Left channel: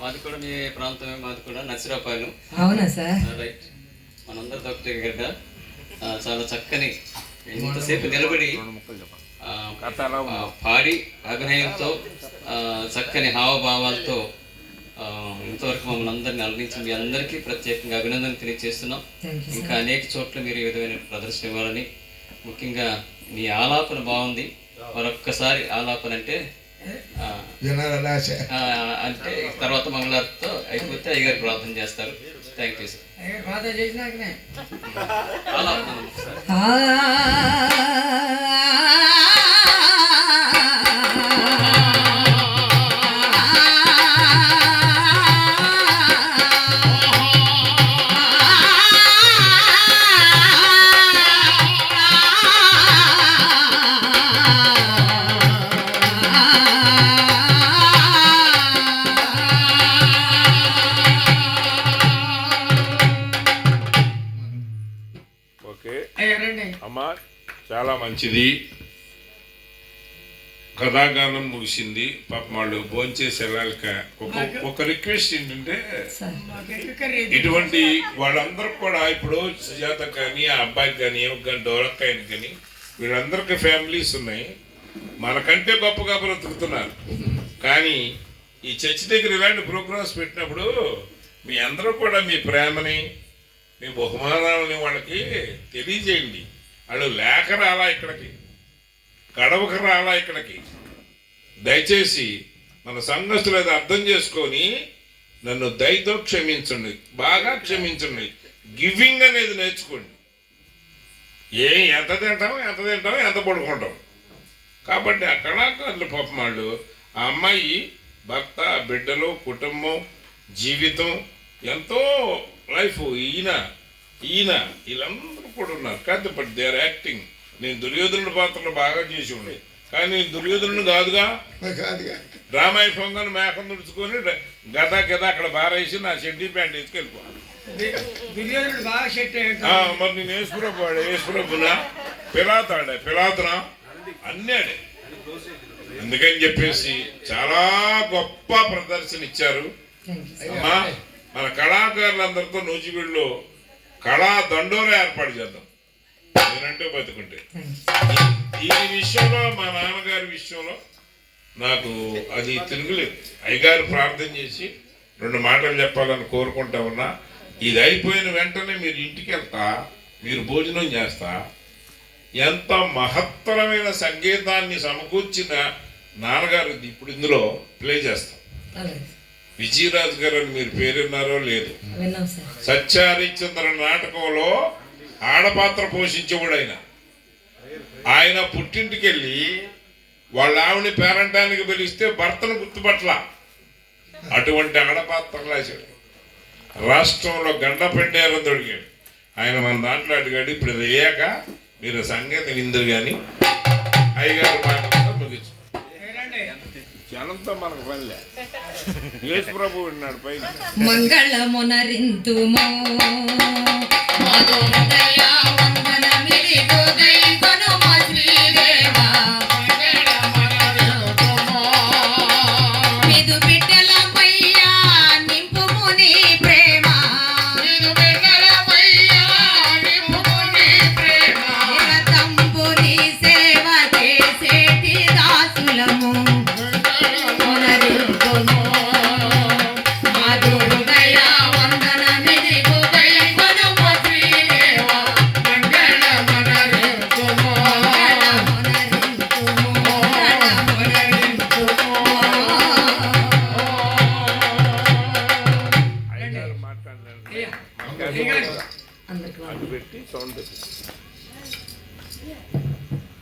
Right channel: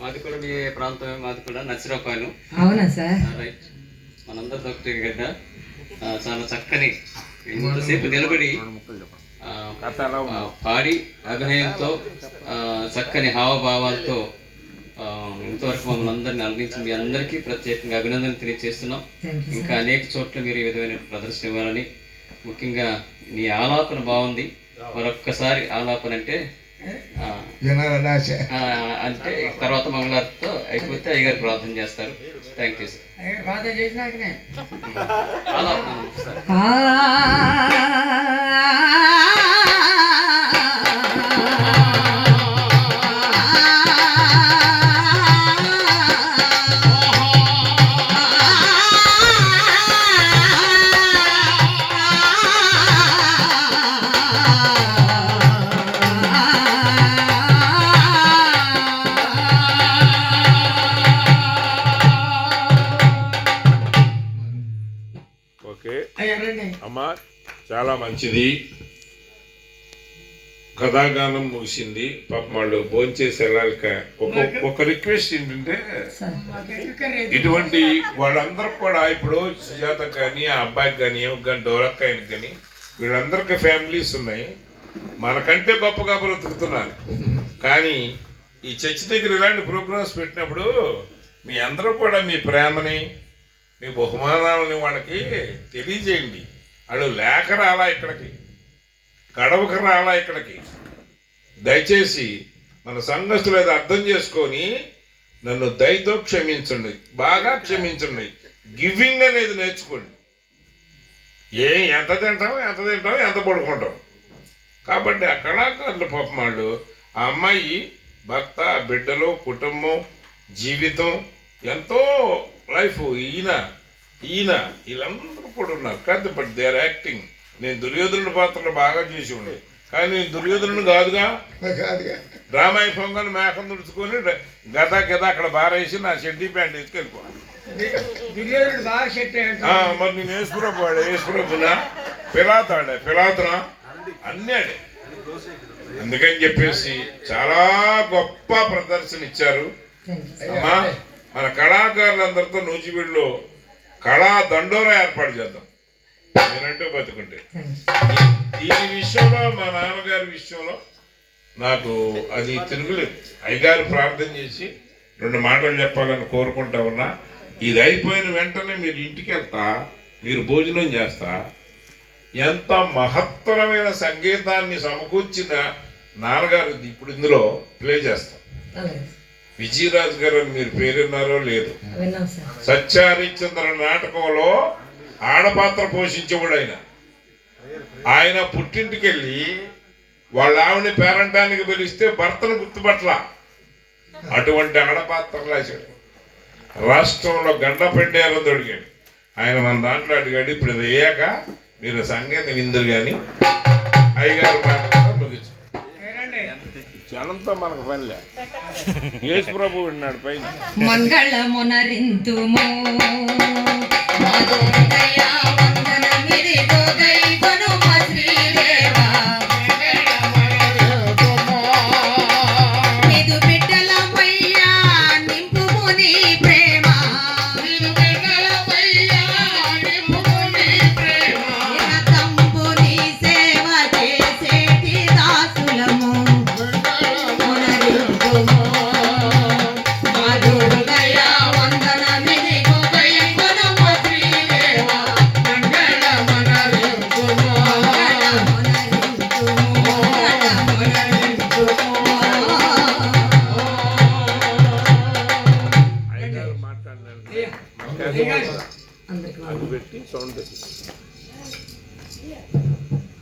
మాది కూడా మీ ప్రాంతమే, మాది కూడా నర్సిరాపాలెం. అవునా సార్? రైట్. మనందరితో ఒకటే కదా. చాలా చక్కని ఇంతసేపు నిలబడి పాడి అభినయంతో చక్కని హావభావాలతో ఇంతవరకు మమ్మల్ని అందరినీ అలరించి మీ అందరికీ ప్రత్యేకంగా అభినందన తెలియజేస్తున్నాం. ఇంకా అనేక చోట్ల మీరు ఈ విధమైన ప్రదర్శన ఇవ్వాలని, ముఖ్యంగా మీ ఆలాపన బాగుంది. మరొక్కసారి ఆలాపన అంటే అంటే తర్వాత మంగళారతితో అయిపోతే అయ్యగారు ప్రార్థన చేస్తారు. Thank you sir. ప్రార్థన చేసినాకనే ఆలాపన అమ్మా చాలా మంచిది. కథాగానం ముగిసింది. పాపం వాళ్ళు భోంచేసి వెళ్ళాలి. ఒక రిక్వెస్ట్ ఏంటంటే ఇటువంటి వాళ్ళందరూ కూడా ఇప్పుడు సుజాత కానీ ఆ అబ్బాయికి కానీ డోరక్కాయని కానీ వీళ్ళందరికీ ఫ్యామిలీస్ ఉన్నాయి. మనకంటే గొప్పగా బ్రతుకుతున్నారు. కానీ ఈ చర్చి దగ్గర ఇలాంటి ప్రోగ్రామ్స్ పెట్టినప్పుడు మీ అందరూ కూడా మీ ప్రేమని మీ బహుమానాలని వాళ్ళకి తెలియజేయండి. వాళ్ళు లేక రాలా ఇక్కడికి, గడవక రాలా ఇక్కడికి. దయచేసి మన సంఘస్థులు అది అర్థం చేసుకొని నన్ను దయతో క్షమించండి, బాగా క్షమించండి. గివింగ్ అనేది నేర్చుకోండి. ఎంత తింటాం, ఎంత పడుకుంటాం. కాబట్టి ఆ కళాకారులు పాపం వాళ్ళు ఆ అమ్మాయి భర్త, బిడ్డలు, కుటుంబం, జీవితం ఎంతో లైఫ్ ఈయన వీళ్ళందరూ కూడా ఉన్నారు. కాదు బట్ దే ఆర్ యాక్టింగ్. నేను దుర్యోధనుడి పాత్రలు బాగా చేసి ఉండే, కానీ నేను దుర్యోధనుడు కాదుగా. రామాయి పొంగని మేకం తుడుచుకొని గద అక్కడ బారేసి నా షెడ్డీ ప్యాంట్ వేసుకెళ్ళిపోవాలి. మరి నేను వేసుకురబ్బునా పిలాతనా అన్నీ ఆడే. అందుకని చెప్పేసి చాలా గొప్ప ప్రదర్శన ఇచ్చారు అమ్మా. మన కళాకారులందరితో నూజివీడులో కళా దండోరా ఏర్పాటు చేద్దాం నేనంటూ బతుకుంటే. ఈ విషయంలో మా నాన్నగారి విషయంలో నాకు అది తిరుగులేదు. అయ్యగారు ప్రార్థన చేసి 2 మాటలు చెప్పాలని కోరుకుంటా ఉన్నా. ఇది అయిపోయిన వెంటనే మీరు ఇంటికి వెళ్తా, మీరు భోజనం చేస్తా. ఎంత మహత్తరమైన సంగీతాన్ని సమకూర్చిన నాన్నగారు ఇప్పుడు ఇందులో ప్లే చేస్తాం. విజయరాజు గారు అని మీరు పేరున్నారో లేదు. సత్యహరిశ్చంద్ర నాటకంలో ఆడపాత్ర పోషించేవాడు ఆయన పుట్టింటికి వెళ్ళి వాళ్ళ ఆవిడని పేరంటానికి పిలిస్తే భర్తను గుర్తుపట్ల అటువంటి ఆడపాత్ర రాశాడు. రాష్ట్రంలో గండపెండేరం దొడిగాడు ఆయన. మన దాంట్లో అడిగాడు, ఇప్పుడు ఇది అయ్యాక మీరు సంగీతం విందురు కానీ అయ్యగారు మాట్లాడడం ముగించు. జనంతో మనకు పనిలే. యేసు ప్రభు ఉన్నాడు పైన. మంగళమునరింతుము అది పెట్టి సౌండ్ పెట్టి